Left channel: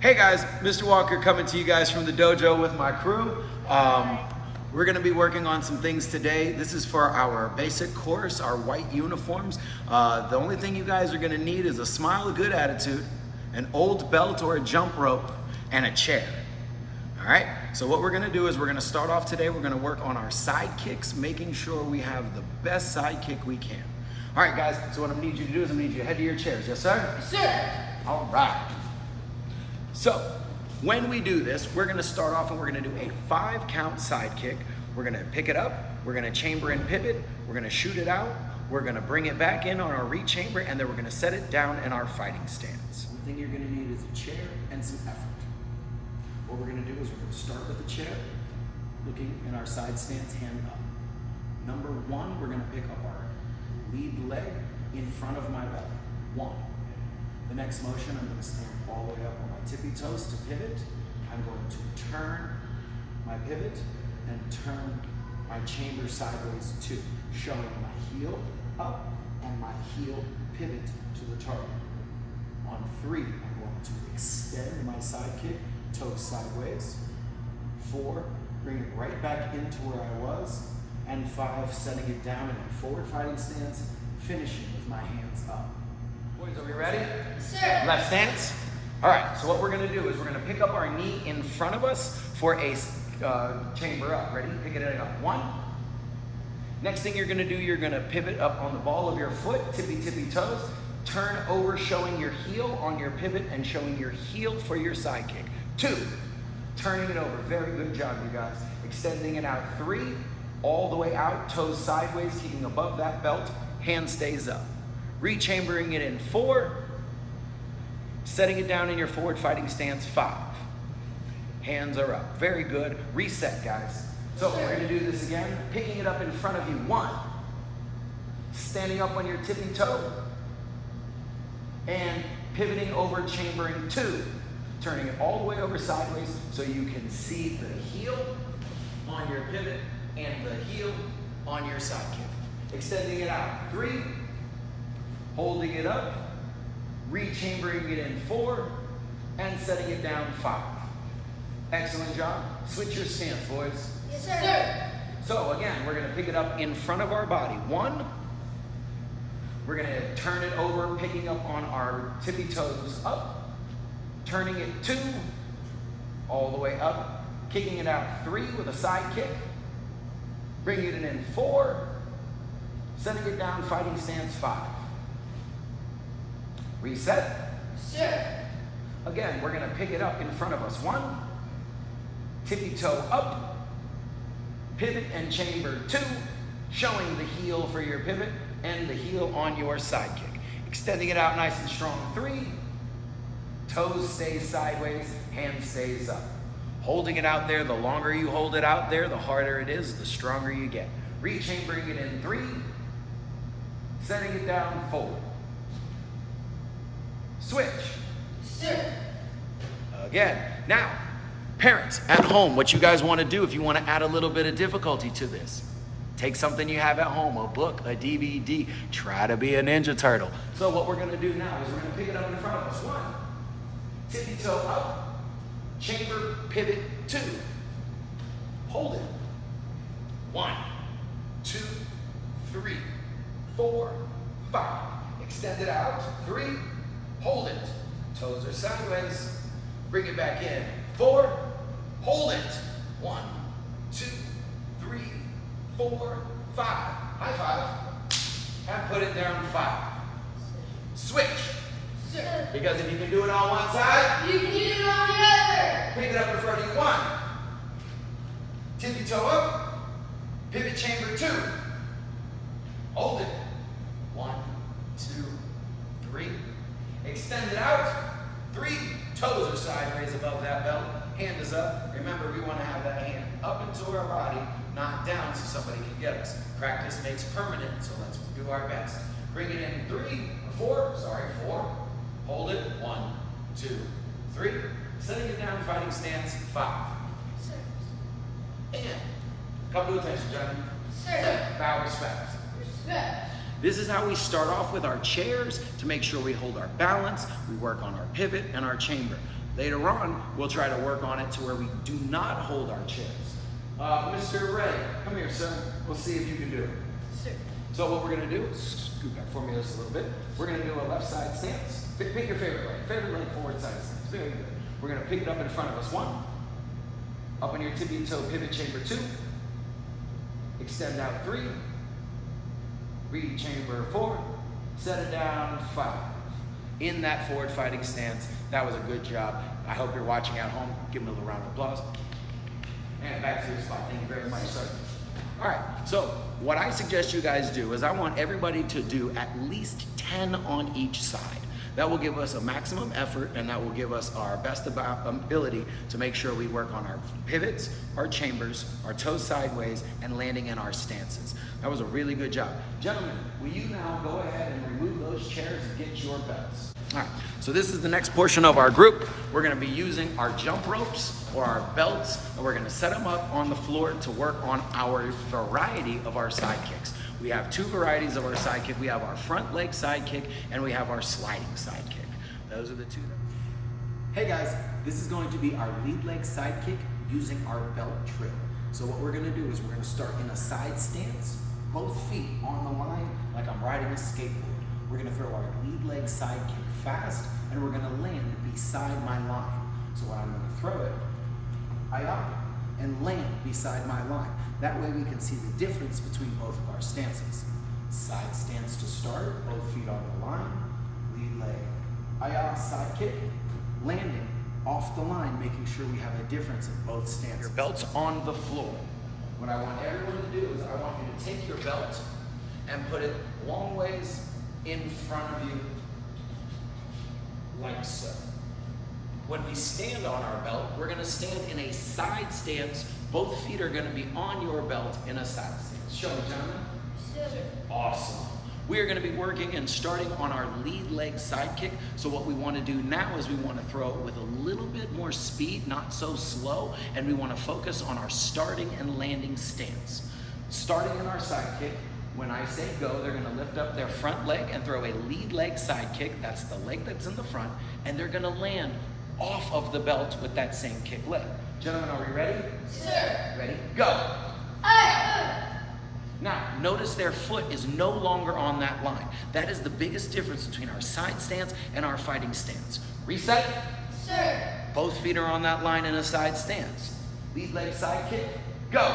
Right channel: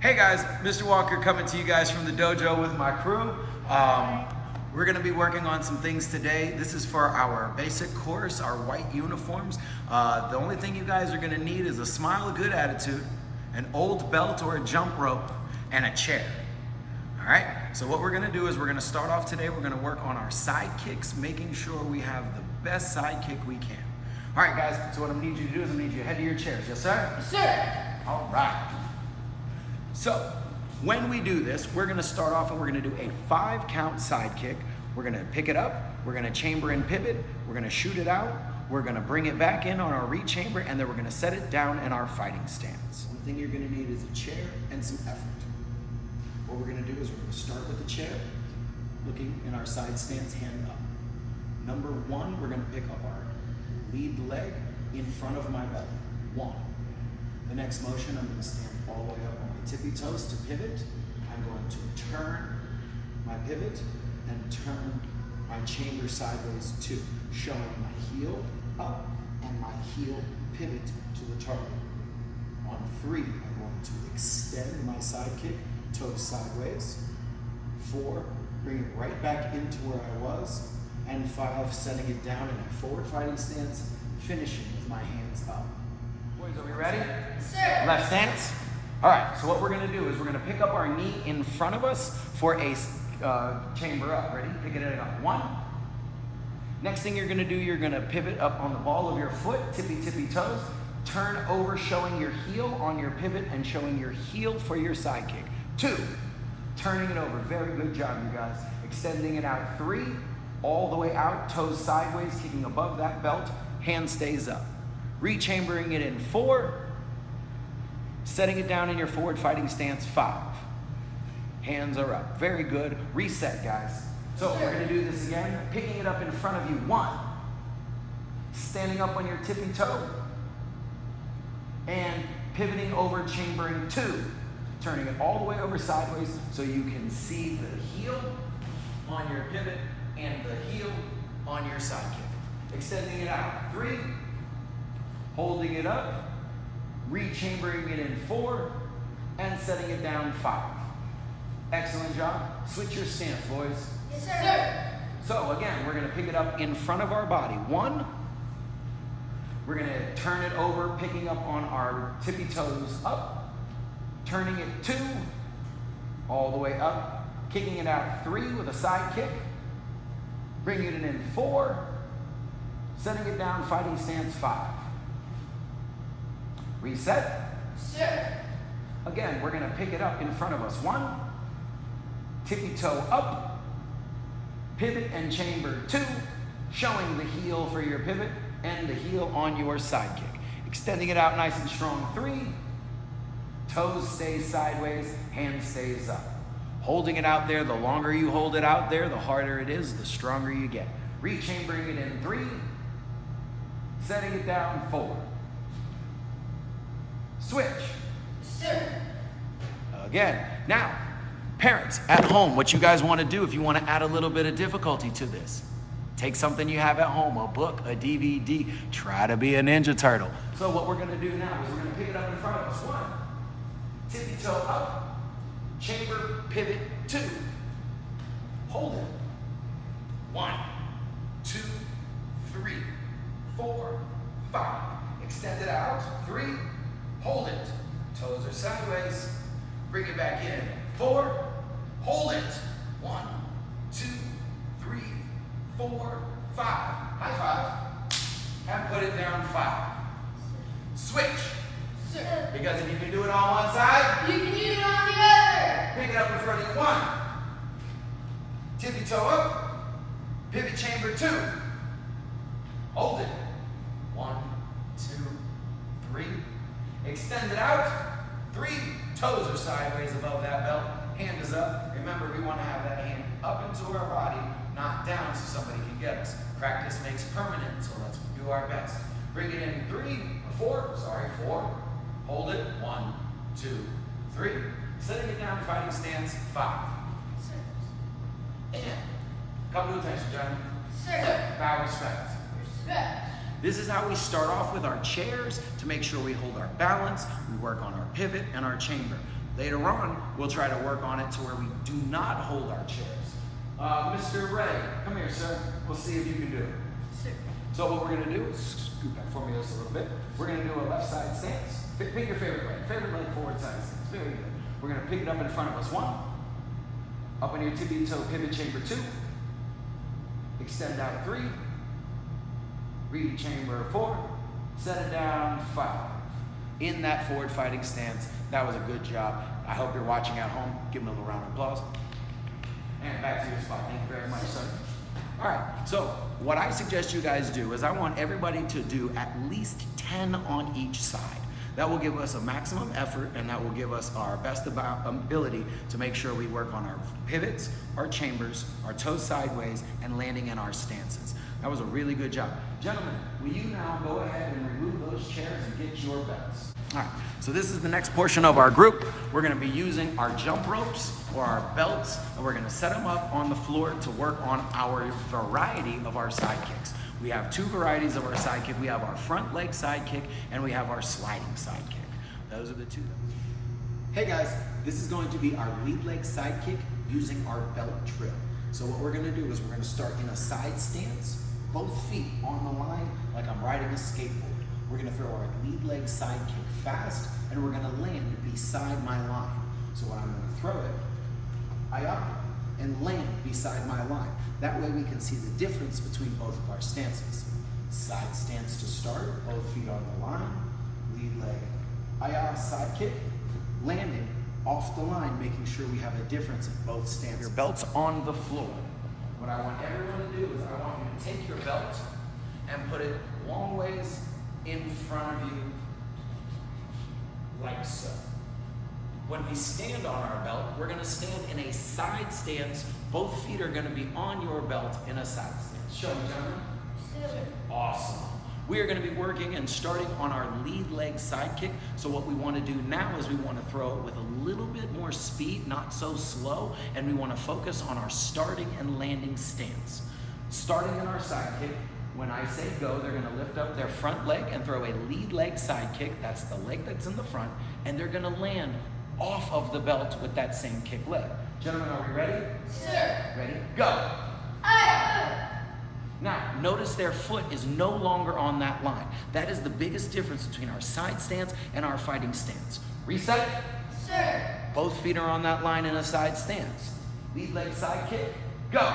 Hey guys, Mr. Walker coming to you guys from the dojo with my crew. We're gonna be working on some things today. This is for our basic course, our white uniforms. The only thing you guys are gonna need is a smile, a good attitude, an old belt or a jump rope, and a chair. All right, so what we're gonna do is we're gonna start off today, we're gonna work on our side kicks, making sure we have the best side kick we can. All right guys, so what I'm gonna need you to do is I'm gonna need you to head to your chairs. Yes sir? Yes, sir. All right. So when we do this, we're gonna start off and we're gonna do a 5-count side kick. We're gonna pick it up, we're gonna chamber and pivot, we're gonna shoot it out, we're gonna bring it back in on our re-chamber, and then we're gonna set it down in our fighting stance. One thing you're gonna need is a chair and some effort. What we're gonna do is we're gonna start with the chair, looking in our side stance, hand up. Number 1, we're gonna pick up our lead leg in front of my belly. 1. The next motion, I'm gonna stand all the way up on my tippy toes to pivot. I'm going to turn my pivot and turn my chamber sideways 2, showing my heel up and my heel pivot to the target. On 3, I'm going to extend my side kick, toes sideways. 4, bring it right back into where I was. And 5, setting it down in a forward fighting stance, finishing with my hands up. Boys, are we ready? Yes, sir. Left stance. All right, so what we're gonna do is we're gonna pick up our knee in front of us for a chamber up. Ready? Pick it up. 1. Next thing you're gonna do, you're gonna pivot up on the ball of your foot, tippy toes, turn over, showing your heel on your pivot and showing your heel for your side kick. 2, turning it over. Very good job, you guys. Extending it out. 3, all the way out, toes sideways, keeping above that belt, hand stays up. Re-chambering it in 4, setting it down in your forward fighting stance. 5. Hands are up. Very good. Reset, guys. So we're going to do this again. Picking it up in front of you. 1. Standing up on your tippy toe. And pivoting over, chambering. 2. Turning it all the way over sideways so you can see the heel on your pivot and the heel on your side kick. Extending it out. 3. Holding it up, re-chambering it in 4, and setting it down 5. Excellent job. Switch your stance, boys. Yes, sir. So again, we're gonna pick it up in front of our body. 1, we're gonna turn it over, picking up on our tippy toes up, turning it 2, all the way up, kicking it out 3 with a side kick, bringing it in 4, setting it down, fighting stance 5. Reset. Sir. Again, we're gonna pick it up in front of us. 1, tippy toe up, pivot and chamber 2, showing the heel for your pivot and the heel on your side kick. Extending it out nice and strong. 3, toes stay sideways, hand stays up. Holding it out there, the longer you hold it out there, the harder it is, the stronger you get. Re-chambering it in 3, setting it down 4. Switch. Sir. Again. Now, parents at home, what you guys want to do if you want to add a little bit of difficulty to this, take something you have at home, a book, a DVD, try to be a Ninja Turtle. So what we're going to do now is we're going to pick it up in front of us. 1, tippy toe up, chamber, pivot, 2. Hold it. 1, 2, 3, 4, 5. Extend it out. 3. Hold it. Toes are sideways. Bring it back in. 4. Hold it. 1, 2, 3, 4, 5. High 5. And put it down 5. Switch. Sir. Because if you can do it on one side, You can do it on the other. pick it up in front of you. 1. Tippy toe up. Pivot chamber 2. Hold it. 1, 2, 3. Extend it out. 3. Toes are sideways above that belt. Hand is up. Remember, we want to have that hand up into our body, not down so somebody can get us. Practice makes permanent, so let's do our best. Bring it in 4. Hold it. 1, 2, 3. Setting it down, fighting stance 5. And come to attention, gentlemen. Sir. Bow respect. Respect. This is how we start off with our chairs to make sure we hold our balance. We work on our pivot and our chamber. Later on, we'll try to work on it to where we do not hold our chairs. Mr. Ray, come here, sir. We'll see if you can do it. Sir. So what we're gonna do is scoot back for me just a little bit. We're gonna do a left side stance. Pick your favorite leg forward side stance. Very good. We're gonna pick it up in front of us. 1. Up on your tibia toe pivot chamber 2. Extend out 3. Read chamber 4. Set it down 5. In that forward fighting stance. That was a good job. I hope you're watching at home. Give them a little round of applause. And back to your spot. Thank you very much, sir. All right, so what I suggest you guys do is I want everybody to do at least 10 on each side. That will give us a maximum effort, and that will give us our best ability to make sure we work on our pivots, our chambers, our toes sideways, and landing in our stances. That was a really good job. Gentlemen, will you now go ahead and remove those chairs and get your belts? All right, so this is the next portion of our group. We're gonna be using our jump ropes or our belts, and we're gonna set them up on the floor to work on our variety of our side kicks. We have 2 varieties of our side kick. We have our front leg side kick, and we have our sliding side kick. Those are the 2. Hey guys, this is going to be our lead leg side kick using our belt trill. So what we're gonna do is we're gonna start in a side stance, both feet on the line like I'm riding a skateboard. We're gonna throw our lead leg side kick fast, and we're gonna land beside my line. So when I'm gonna throw it, I up and land beside my line. That way we can see the difference between both of our stances. Side stance to start, both feet on the line, lead leg, I-ah, side kick, landing off the line, making sure we have a difference in both stances. Your belt's on the floor. What I want everyone to do is I want you to take your belt and put it long ways in front of you, like so. When we stand on our belt, we're gonna stand in a side stance. Both feet are gonna be on your belt in a side stance. Show me, gentlemen. Sir. Awesome. We are gonna be working and starting on our lead leg side kick. So what we wanna do now is we wanna throw it with a little bit more speed, not so slow, and we wanna focus on our starting and landing stance. Starting in our side kick, when I say go, they're gonna lift up their front leg and throw a lead leg side kick. That's the leg that's in the front, and they're gonna land off of the belt with that same kick leg. Gentlemen, are we ready? Sir. Ready? Go. Now, notice their foot is no longer on that line. That is the biggest difference between our side stance and our fighting stance. Reset. Sir. Both feet are on that line in a side stance. Lead leg side kick. Go.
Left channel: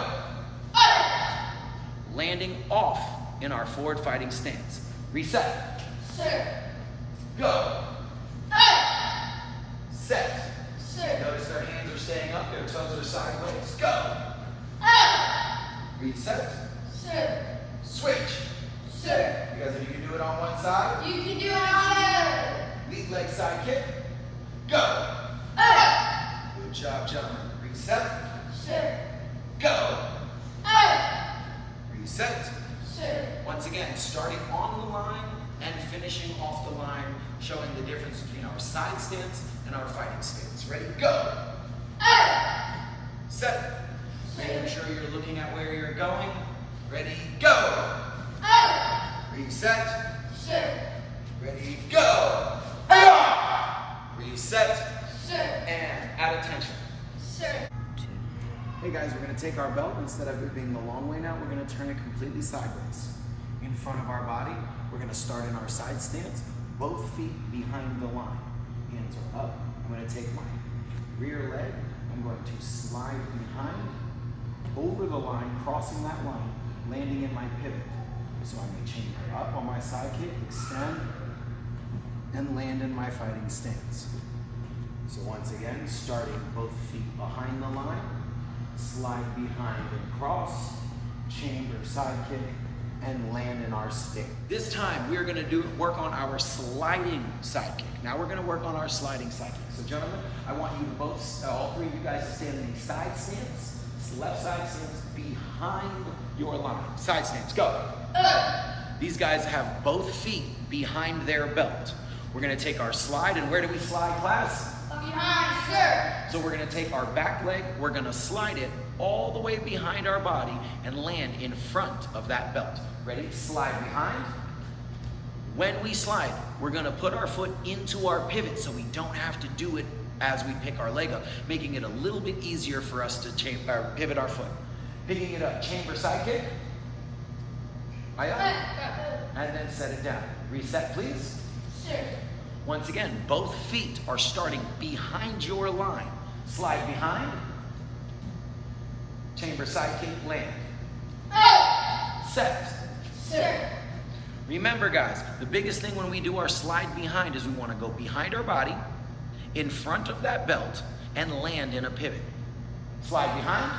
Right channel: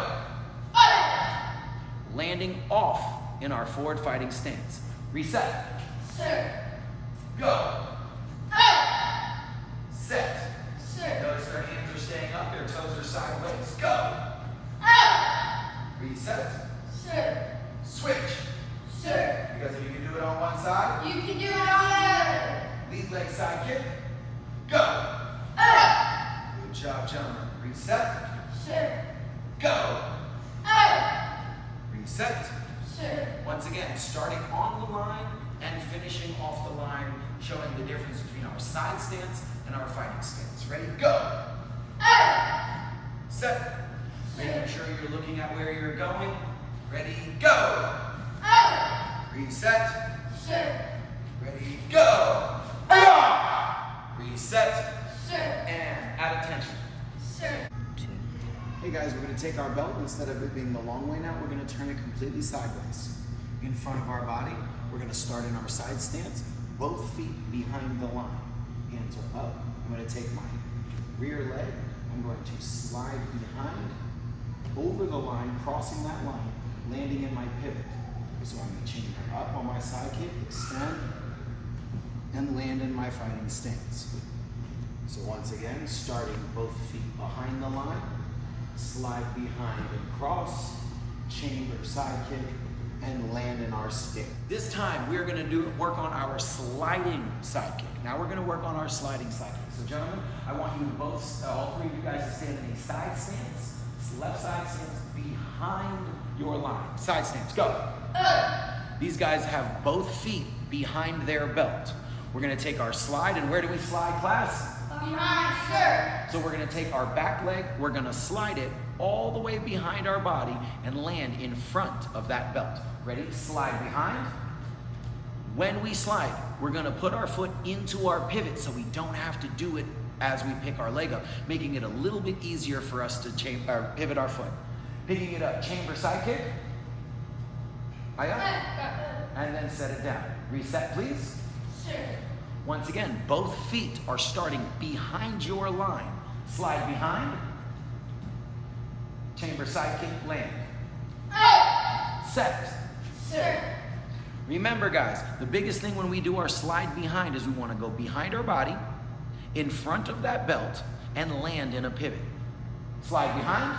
Landing off in our forward fighting stance. Reset. Sir. Go. Set. Sir. Notice their hands are staying up, their toes are sideways. Go. Reset. Sir. Switch. Sir. You guys, if you can do it on one side. You can do it on the other. Lead leg side kick. Go. Good job, gentlemen. Reset. Sir. Go. Reset. Sir. Once again, starting on the line and finishing off the line, showing the difference between our side stance and our fighting stance. Ready? Go. Set. Making sure you're looking at where you're going. Ready? Go. Reset. Sir. Ready? Go. Reset. Sir. And at attention. Sir. Hey guys, we're going to take our belt, instead of it being the long way now, we're going to turn it completely sideways. In front of our body, we're going to start in our side stance, both feet behind the line. Hands are up. I'm going to take my rear leg, I'm going to slide behind, over the line, crossing that line, landing in my pivot. So I'm going to chain up on my side kick, extend, and land in my fighting stance. So once again, starting both feet behind the line, slide behind and cross, chamber side kick, and land in our stance. This time we're going to work on our sliding side kick. Now we're going to work on our sliding side kick. So gentlemen, I want you to both, all 3 of you guys, to stand in a side stance, left side stance, behind your line. Side stance, go. These guys have both feet behind their belt. We're going to take our slide, and where do we slide, class? Behind, sir. So we're going to take our back leg, we're going to slide it all the way behind our body and land in front of that belt. Ready? Slide behind. When we slide, we're going to put our foot into our pivot so we don't have to do it as we pick our leg up, making it a little bit easier for us to pivot our foot. Picking it up, chamber side kick. And then set it down. Reset, please. Sir. Once again, both feet are starting behind your line. Slide behind. Chamber side kick, land. Set. Sir. Remember, guys, the biggest thing when we do our slide behind is we want to go behind our body, in front of that belt, and land in a pivot. Slide behind.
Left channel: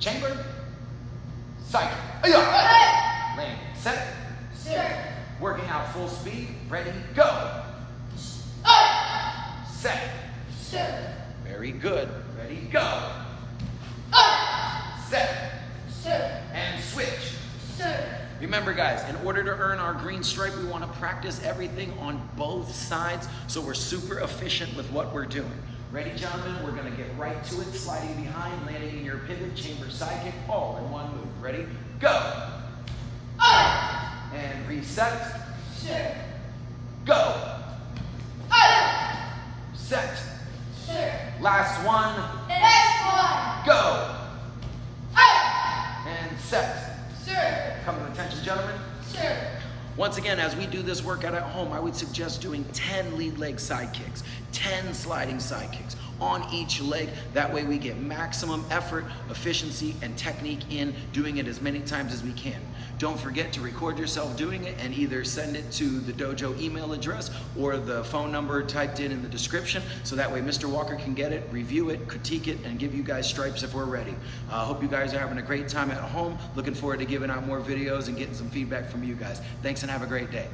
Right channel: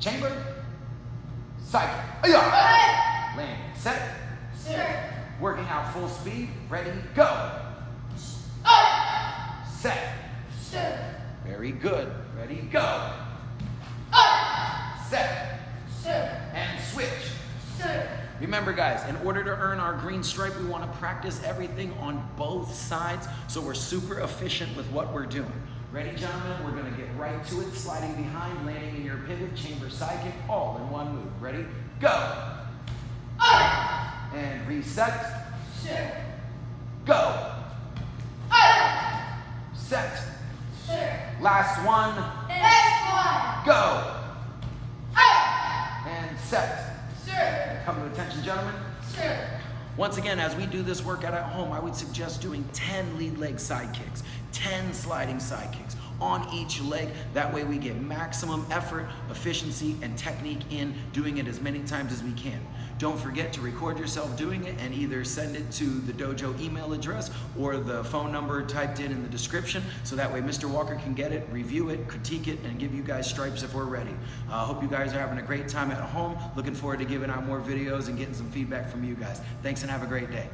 Chamber. Side kick. Land. Set. Sir. Working out full speed. Ready, go. Set. Sir. Very good. Ready, go. Set. Sir. And switch. Sir. Remember, guys, in order to earn our green stripe, we want to practice everything on both sides so we're super efficient with what we're doing. Ready, gentlemen? We're going to get right to it. Sliding behind, landing in your pivot, chamber side kick, all in one move. Ready, go. And reset. Sir. Go. Set. Sir. Last one. Next one. Go. And set. Sir. Come to attention, gentlemen. Sir. Once again, as we do this workout at home, I would suggest doing 10 lead leg side kicks, 10 sliding side kicks on each leg. That way we get maximum effort, efficiency, and technique in doing it as many times as we can. Don't forget to record yourself doing it and either send it to the Dojo email address or the phone number typed in the description, so that way Mr. Walker can get it, review it, critique it, and give you guys stripes if we're ready. Hope you guys are having a great time at home. Looking forward to giving out more videos and getting some feedback from you guys. Thanks and have a great day.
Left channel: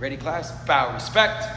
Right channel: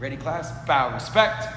Ready, class? Bow, respect.